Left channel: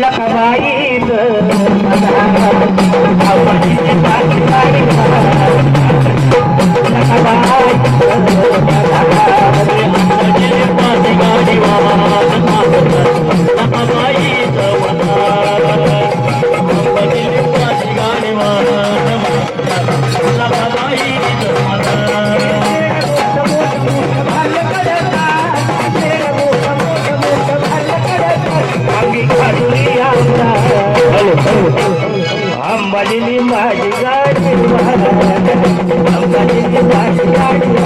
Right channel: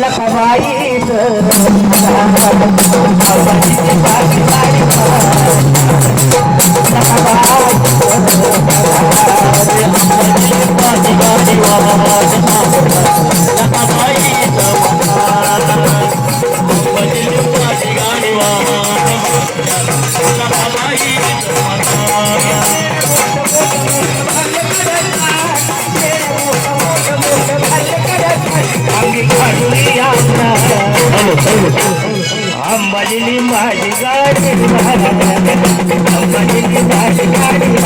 लखवाई माझी गाडी माझी गाडी माझी गाडी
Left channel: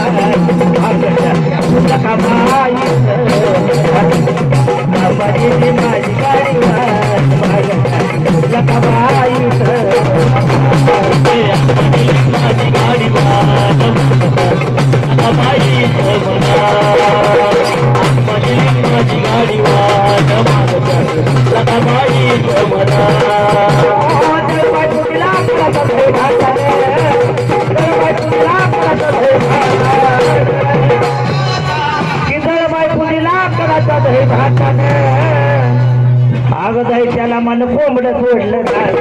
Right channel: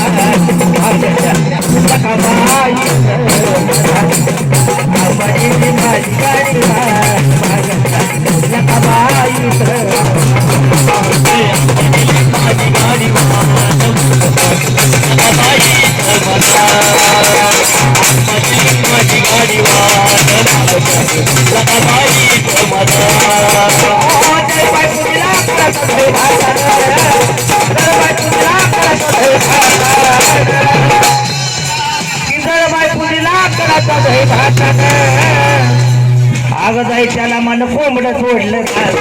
अगं जाई त्याला मन कोंबड सोडलं काय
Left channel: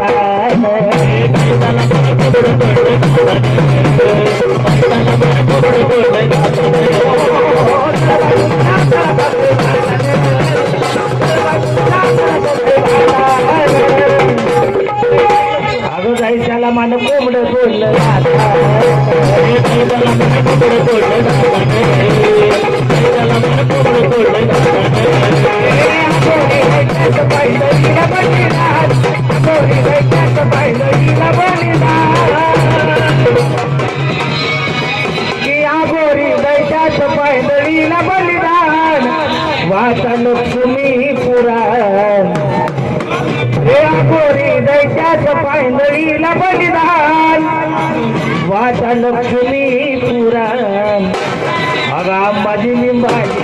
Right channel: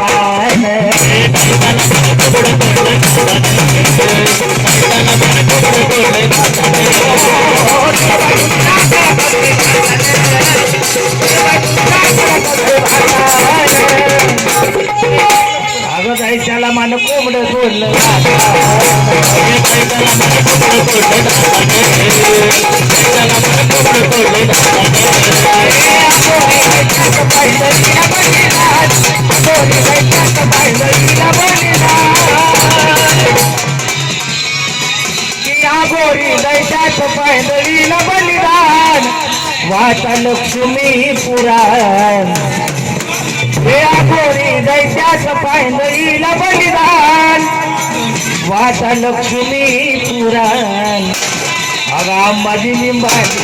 अगं त्याला मन कोंबड सोडलं बलिदान वाचा लक्ष्मी पुराण. हे आगोरी दैत्याचं पायंदळीला बलिदान वाचा लक्ष्मी पुराण. अगा अंबाजी लिंबाची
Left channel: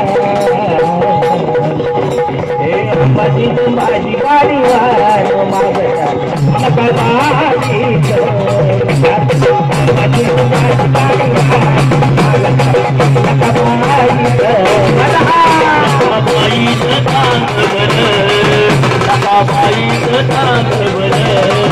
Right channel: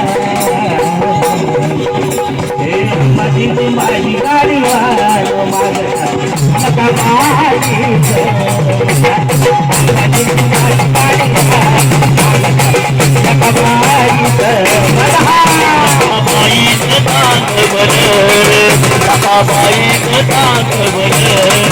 अंबाजी माझी गाडी वार मागता नका बाई अंबाजी माझी गाडी नका बाई